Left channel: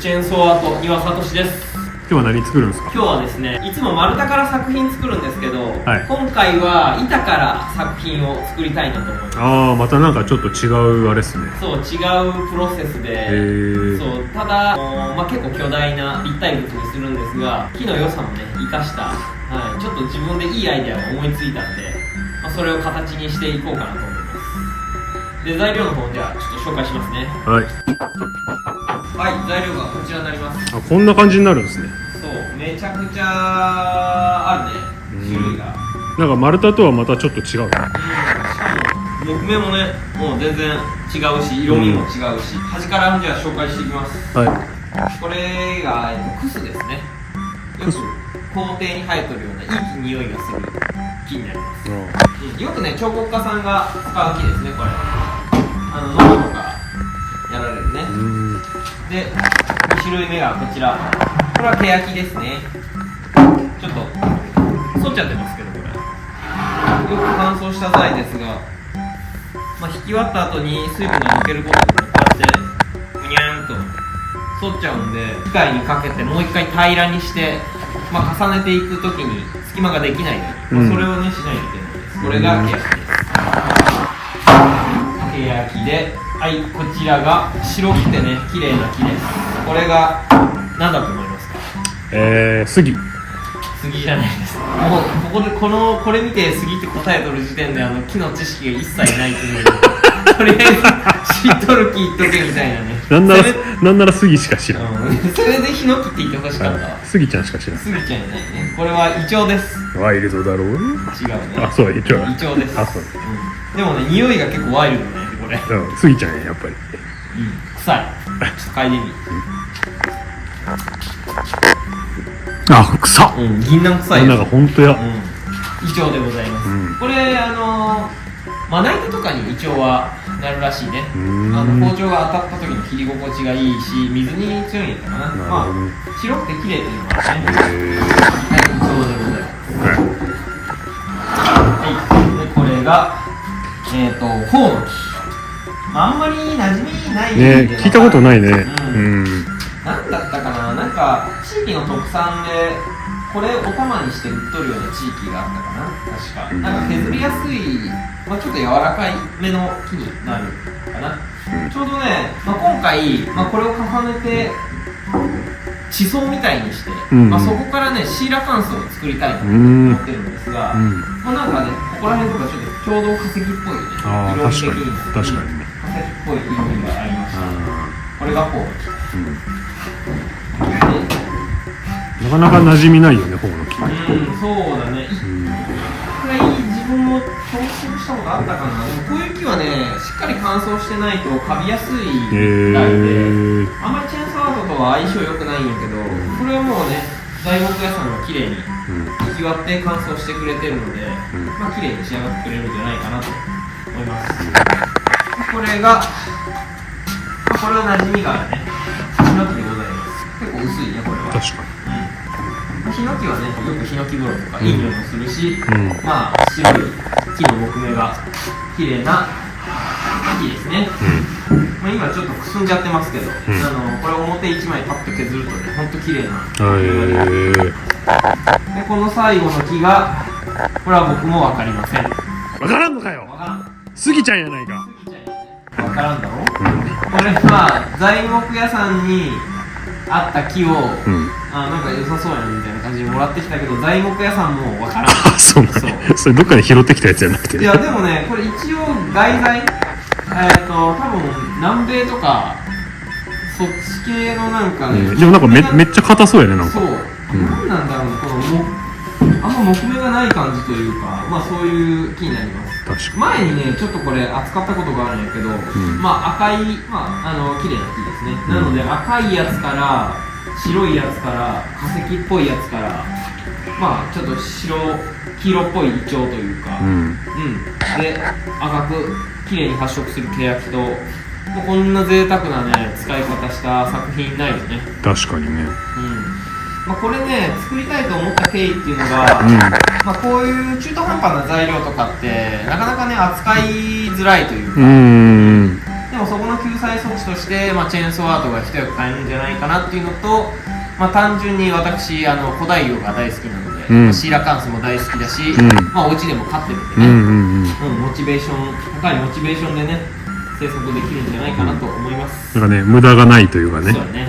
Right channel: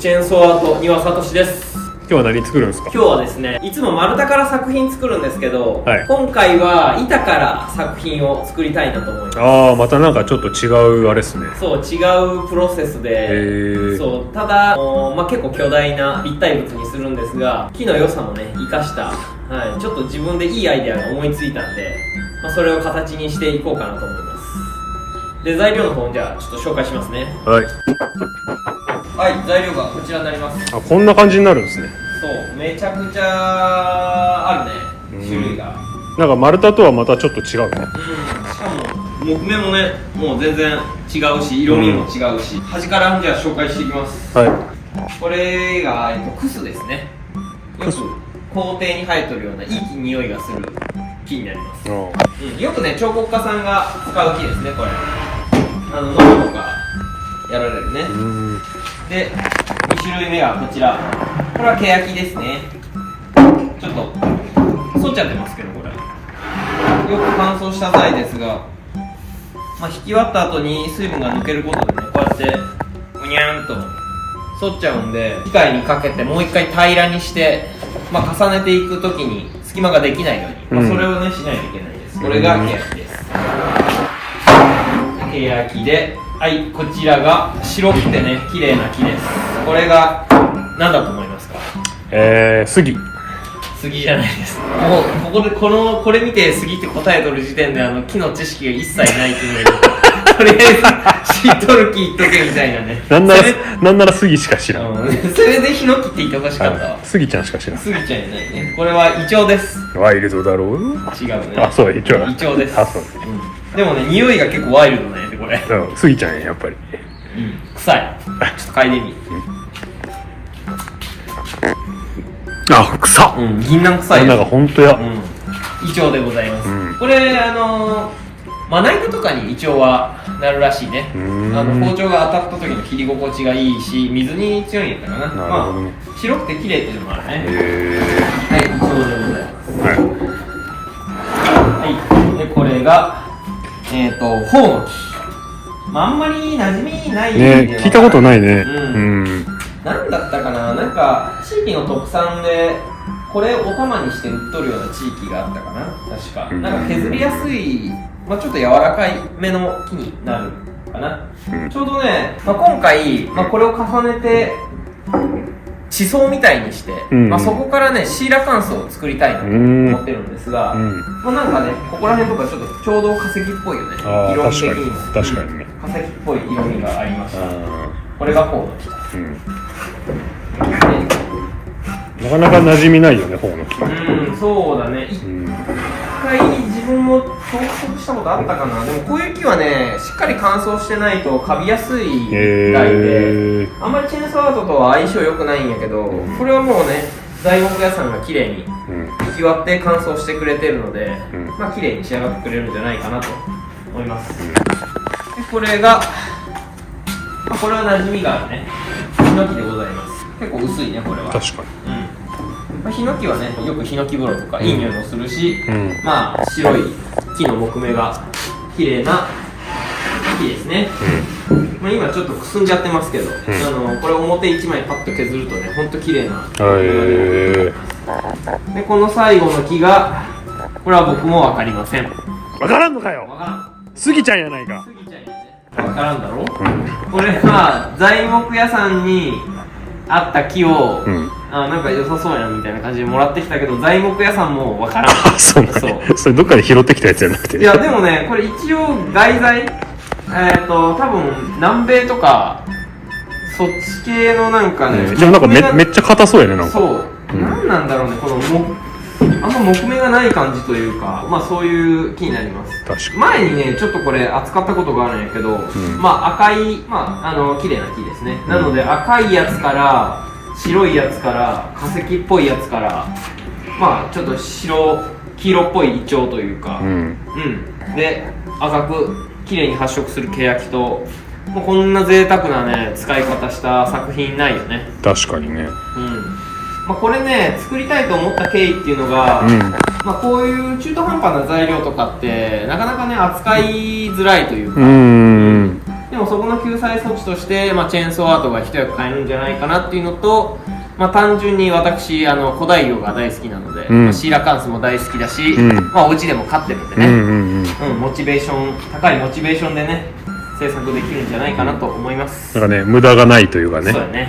チェーンソーアート庭聡です。今日は何作るんですか？今日はですね、いつも丸太から作品作るんですけど、はい、今回は板から作品を作りたいなと思います。ああ、またなんかちょっと違うあれですね。そう、違うプロセスで、そう、ただ、結構巨大な立体物にするんですが、木の良さもね生かした、はい、ちょっと自分でいいアイデアが思いついたんで、それを形にしていこうかなと思います。で、材料の方じゃあちょっと紹介しますね。はいはい、材料がこちらになります。あ、こんな感じになるんですね。そう、めちゃくちゃあるね、種類が。なんか丸太とはまたちょっと違うね。しかも木目もね、もう全然違うし、色味も違うし、端からじゃあ紹介していきます。はい。これが、クスですね。よく校庭に生えとるようないい匂いがする木になります。よくね、彫刻家さんが使う木ですね、これ。ノブとかやられるね。で、2種類目がこちら。これはケヤキですね。ちょっと反っちゃってますけど、これよく乾燥した際ですが、引き割った後に水分が抜けることでね、こうやってぐにゃーんと反っちゃうんで、機械にかけてもう一回平らにして、重ねていくときに隙間ができないように、それをねしないといけないです。これがケヤキです。ケヤキで、はい、こちらが白くてね綺麗な木です。これが何だと思いますか？杉。杉じゃないです。もうこれ見て杉って答えとる時点で木の知識が一切ないっていうのでとりあえず知っとる木言っとけみたいなね。なんなら杉しか知らん。それでヒノキって言ってほしかったわ。杉ちゃんしか知らん。杉ちゃんじゃないね。これはイチョウです。ワイルドだろう。違うね。あ、そう、イチョウ。イチョウです。あ、そう。でもね、匂いが結構ワイルドね、これ。杉ちゃんやっぱり。臭い。ちょっと嗅いでみ。あ、臭っ。銀杏臭い。なんか本当や。イチョウでございます。これまな板とかにイチョウはなるらしいね。包丁が当たった時の切り心地がいいし、水に強いんだからな。白くて綺麗っていうのもあるね。はい、イチョウでございます。はい。で、これがホウノキ。あんまり馴染みないね。聞いたことないね。なんだったかな、なんか地域の特産でこれお玉にして売っとるような地域があったかな、確か。なんか削りやすい、ちょっと柔らかい目の木になるかな。ちょうどね、今回、これを重ねて地層みたいにして、そこからねシーラカンスを作りたいと思ってるんですが、なんかね、ここら辺とかちょうど化石っぽいよね。色味的に確かにね、化石っぽい色味がありました。これがホウノキ。なかなか馴染みないよね、ホウノキ。そうだね。一回自分も挑戦したことあったかな。でもこういう木はね、しっかり乾燥してないとカビやすいみたいで、あんまりチェーンソーアートとは相性良くないんやけど、これはもうね、材木屋さんが綺麗に引き割って乾燥してくれてるので、綺麗に仕上がってくれるんじゃないかなと思います。これが、これは馴染みがあるね、ヒノキでございます。結構薄いね、これは。確かに。ヒノキはね、よくヒノキ風呂とかいい匂いもするし、白い木の木目が綺麗な木ですね。今ちょっとくすんじゃってますけど、これ表1枚パッと削るとね、ほんと綺麗な木目が出てます。で、この最後の木が、これは僕も分かりません。分からんのかよ。分からん。スギちゃんやないか。スギちゃんやね。分からんだろ。これは材木屋さんにあった木を、なんか良さそうやんみたいな感じでもらってきたけど、材木屋さんもわからん。そうなんだ。それどっかで拾ってきたやつじゃなくて。いやでもね、これ一応外材、多分南米とかそっち系のなんかね。でもなんかめっちゃ硬そうやね、なんか。そう。なんなんだろうね、このあんま木目がない感じというか、そういう木になります。確かに。前にね、ちょっとこれ扱ったことがあるんやけど、赤い、綺麗な木ですね。なので赤いやつから白いやつから化石っぽいやつから、ちょっと黄色っぽいイチョウというか、で赤く綺麗に発色するケヤキと、もうこんな贅沢なね使い方した作品ないよね。確かにね。これね、作りたいと思った経緯っていうのが、こういう中途半端な材料とかってなかなかね扱いづらいというか、でももそこの救済措置として、チェーンソーアートが一役買えるんじゃないかなっていうのと、単純に私古代魚が大好きなので、シーラカンスも大好きだし、お家でも飼ってるんでね、モチベーション高いモチベーションでね制作できるんじゃないかなと思います。なんかね、無駄がないというかね。そうだね。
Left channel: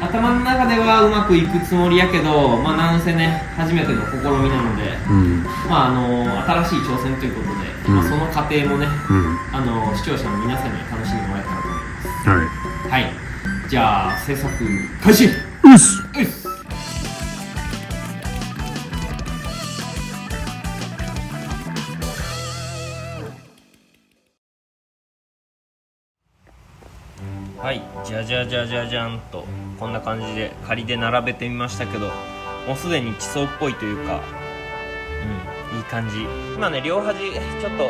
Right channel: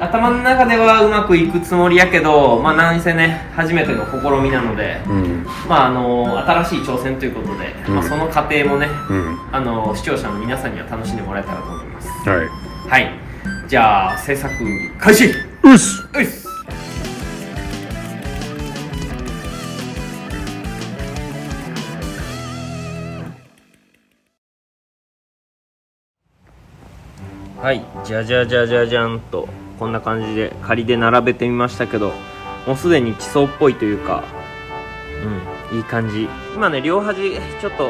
頭の中ではうまくいくつもりやけど、何せね初めての試みなので、新しい挑戦ということで、その過程もね、視聴者の皆さんには楽しんでもらえたらと思います。はい、じゃあ制作開始。うっす。はい、じゃじゃんとこんな感じで仮で並べてみましたけど、もうすでに地層っぽいというか、いい感じ。今ね両端ちょっと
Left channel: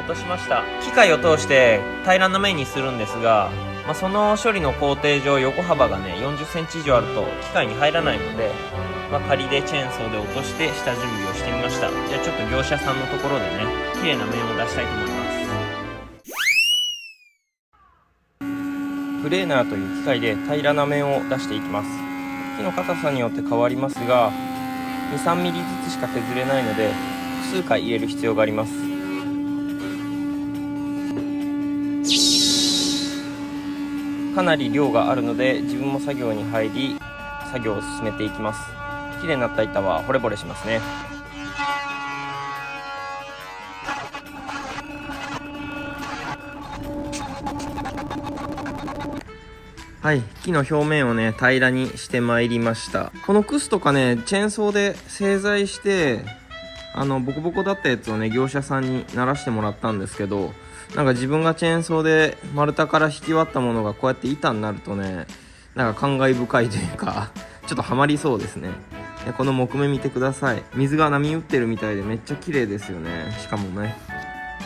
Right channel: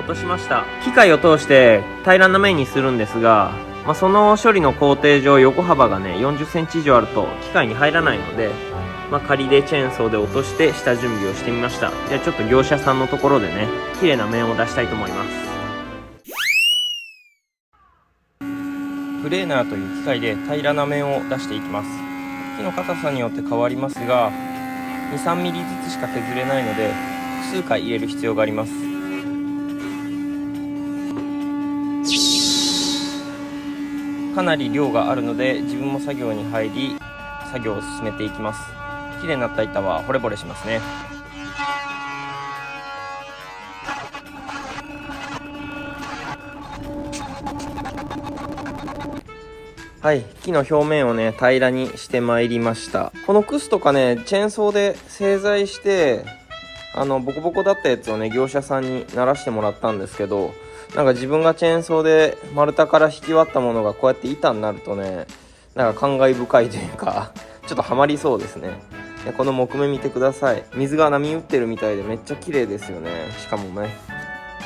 落としました。機械を通して平らな面にするんですが、その処理の工程上横幅がね40センチ以上あると機械に入らないので、仮でチェーンソーで落として下準備をしてみました。じゃあちょっと業者さんのところでね綺麗な面を出したいと思います。プレーナーという機械で平らな面を出していきます。木の硬さによって変わりますが 2,3 ミリずつしか削れないので複数回入れる必要があります。かなり量があるので自分も作業に入り作業を進めていきます。綺麗になった板は惚れ惚れしますね。はい、木の表面をね平らにしてまいりました。このクスとかねチェーンソーで製材してボコボコだったやつをね業者さんに鳴らしてもらったんですけど、なんか自分がチェーンソーで丸太から引き割ったものがこうやって板になるとね、なんか感慨深いというかちょっとハマりそうですね。この木目見てください。水が波打ってるみたいでめっちゃ綺麗ですよね。しかもね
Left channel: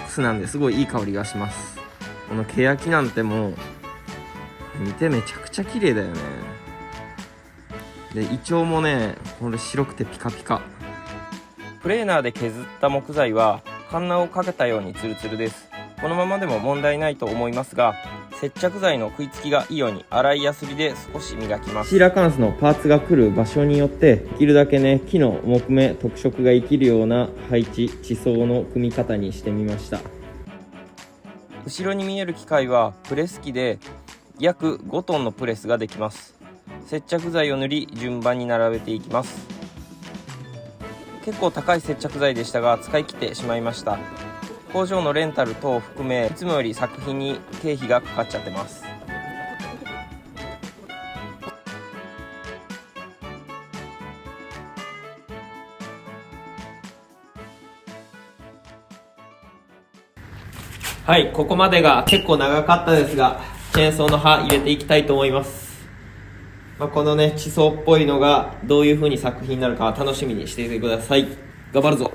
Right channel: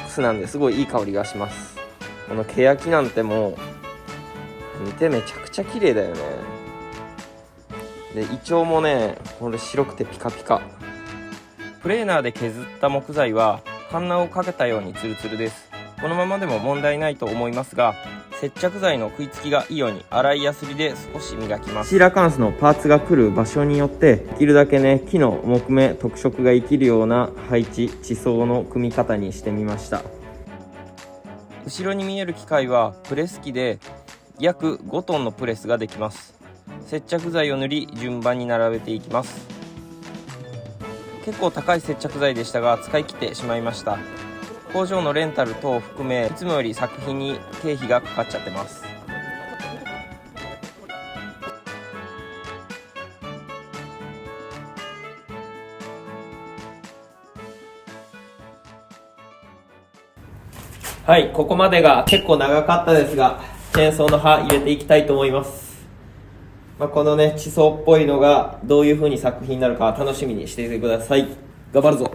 クスなんですごいいい香りがします。このケヤキなんてもう見てめちゃくちゃ綺麗だよね。でイチョウもねこれ白くてピカピカ。プレーナーで削った木材はカンナをかけたようにツルツルです。このままでも問題ないと思いますが、接着剤の食いつきがいいように粗いヤスリで少し磨きます。シーラカンスのパーツが来る場所によってできるだけね木の木目特色が生きるような配置地層の組み方にしてみました。後ろに見える機械はプレス機で約5トンのプレスができます。接着剤を塗り順番に並べていきます。結構高い接着剤でしたが使い切ってしまいました。工場のレンタル等を含めいつもより作品に経費がかかっちゃってます。はい、ここまでが結構長かったですがチェーンソーの刃入れていきたいと思います。このね地層っぽいのがどういう風に作品になるか楽しみにしていてください。頑張るぞ。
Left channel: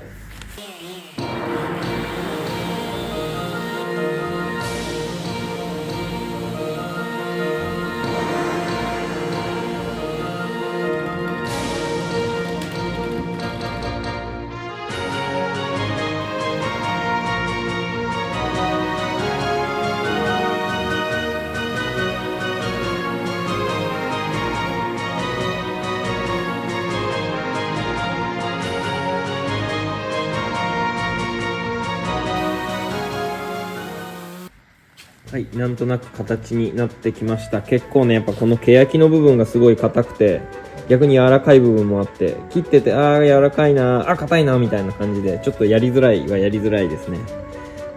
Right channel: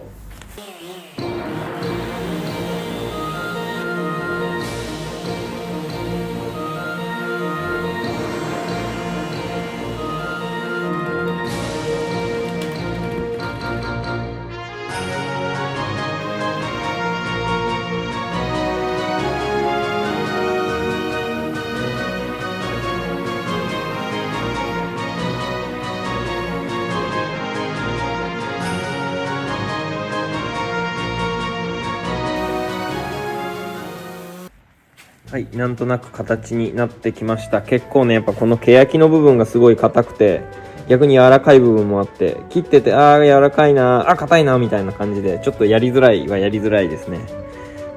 はい、なんとなく形になってきました。結構ねやっぱこのケヤキの部分がすごい硬くて逆に柔らかい部分もあって、切ってて柔らかいな硬いなみたいな感じでちょっとやりづらいですね。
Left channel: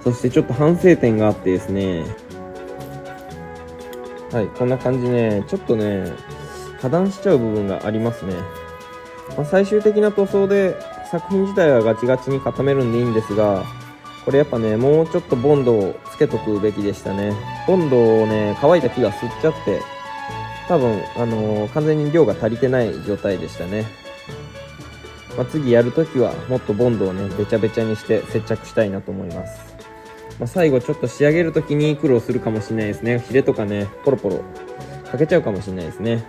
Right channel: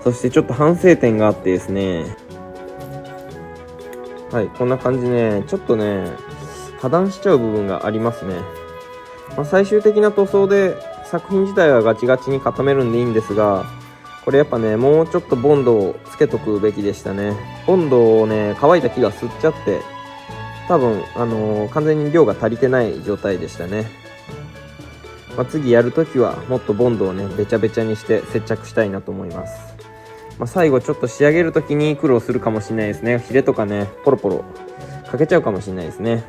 そしてちょっと反省点があってですね、はい、こんな感じねちょっとね破断しちゃう部分がありますね。最終的な塗装で作品自体はガチガチに固めるんでいいんですが、これやっぱねもうちょっとボンドをつけとくべきでしたね。ボンドをね乾いた木が吸っちゃって多分完全に量が足りてない状態でしたね。次やるときはもっとボンドをねべちゃべちゃにして接着したいなと思います。最後ちょっと仕上げるときに苦労するかもしれないですね。ヒレとかねポロポロかけちゃうかもしれないですね。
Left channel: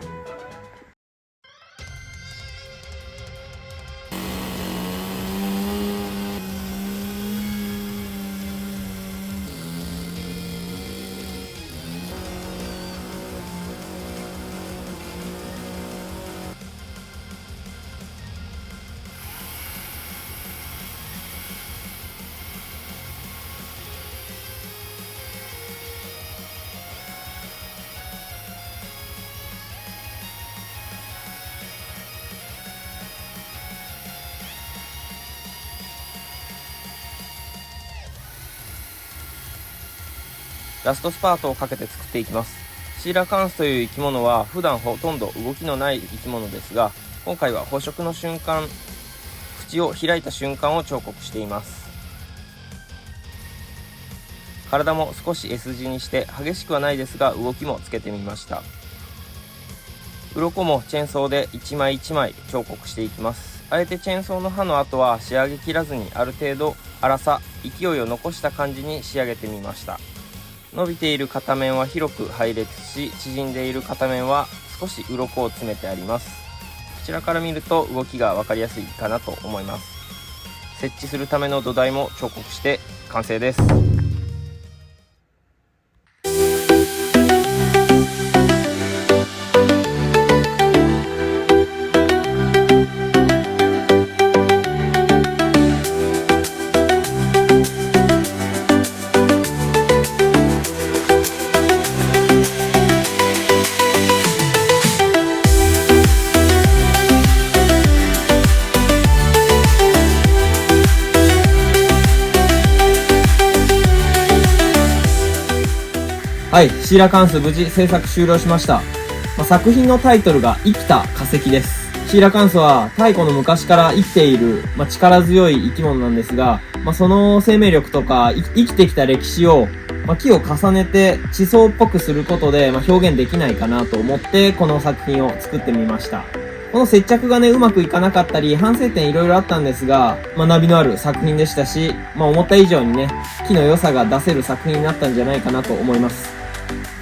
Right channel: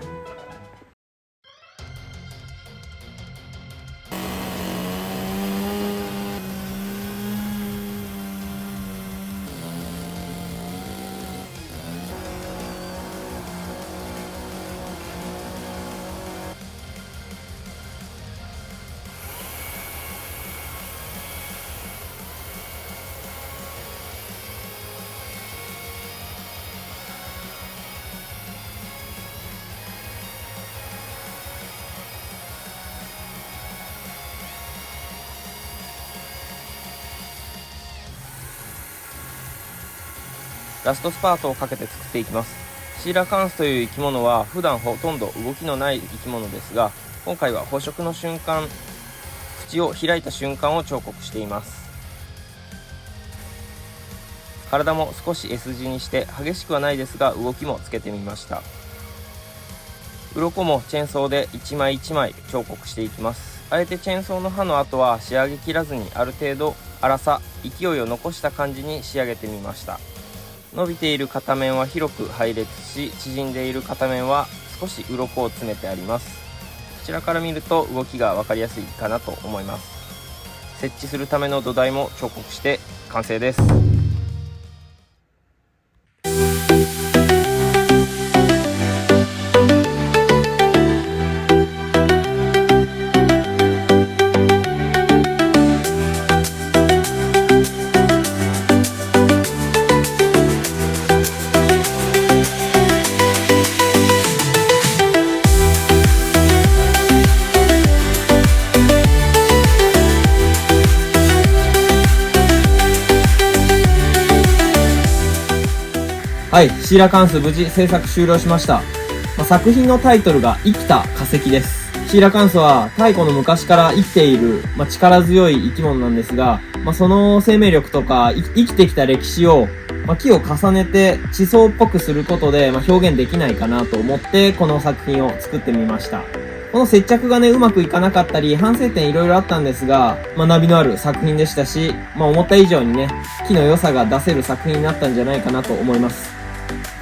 ラストスパートをかけて作っていきます。シーラカンスという生き物は普段ほとんど動きのない生き物ですが、今回は捕食の瞬間、口を開いた瞬間を彫刻しています。体も少し S 字にして激しくはないですが動きもつけてみました。鱗もチェーンソーで一枚一枚彫刻していきます。あえてチェーンソーの刃の後は仕上げ切らずにある程度粗さ、勢いを残した感じに仕上げてみました。伸びている片面は広く配列し、縮んでいる片面は少し鱗を詰めてあります。こちらから見ると動きが分かりやすいかなと思います。設置するための土台も彫刻して完成です。はい、シーラカンス無事制作終了しました。作品のタイトルが生きた化石です。シーラカンスは太古の昔から生きている、力強い生き物なんですが、その生命力とか生きてきた歴史を、木を重ねて地層っぽくすることで、表現できないかなと思ってこの作品を作ってみました。この接着がね、うまくいかなかったり、反省点いろいろあったんですが、学びのある作品でしたし、思った以上にね、木の良さが出せる作品になったんじゃないかなと思います。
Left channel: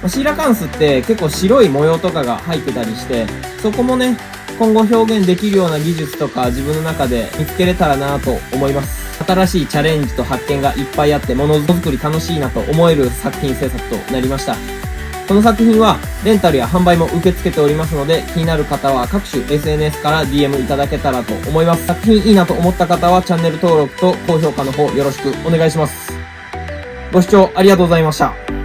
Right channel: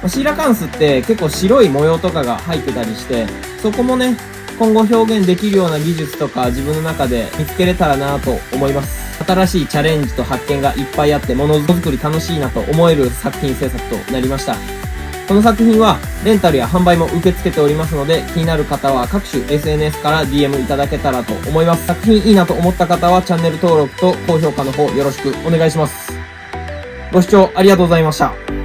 シーラカンスって結構白い模様とかが入ってたりして、そこもね、今後表現できるような技術とか自分の中で見つけれたらなと思います。新しいチャレンジと発見がいっぱいあって、ものづくり楽しいなと思える作品制作となりました。この作品はレンタルや販売も受け付けておりますので、気になる方は各種 SNS から DM いただけたらと思います。作品いいなと思った方はチャンネル登録と高評価の方よろしくお願いします。ご視聴ありがとうございました。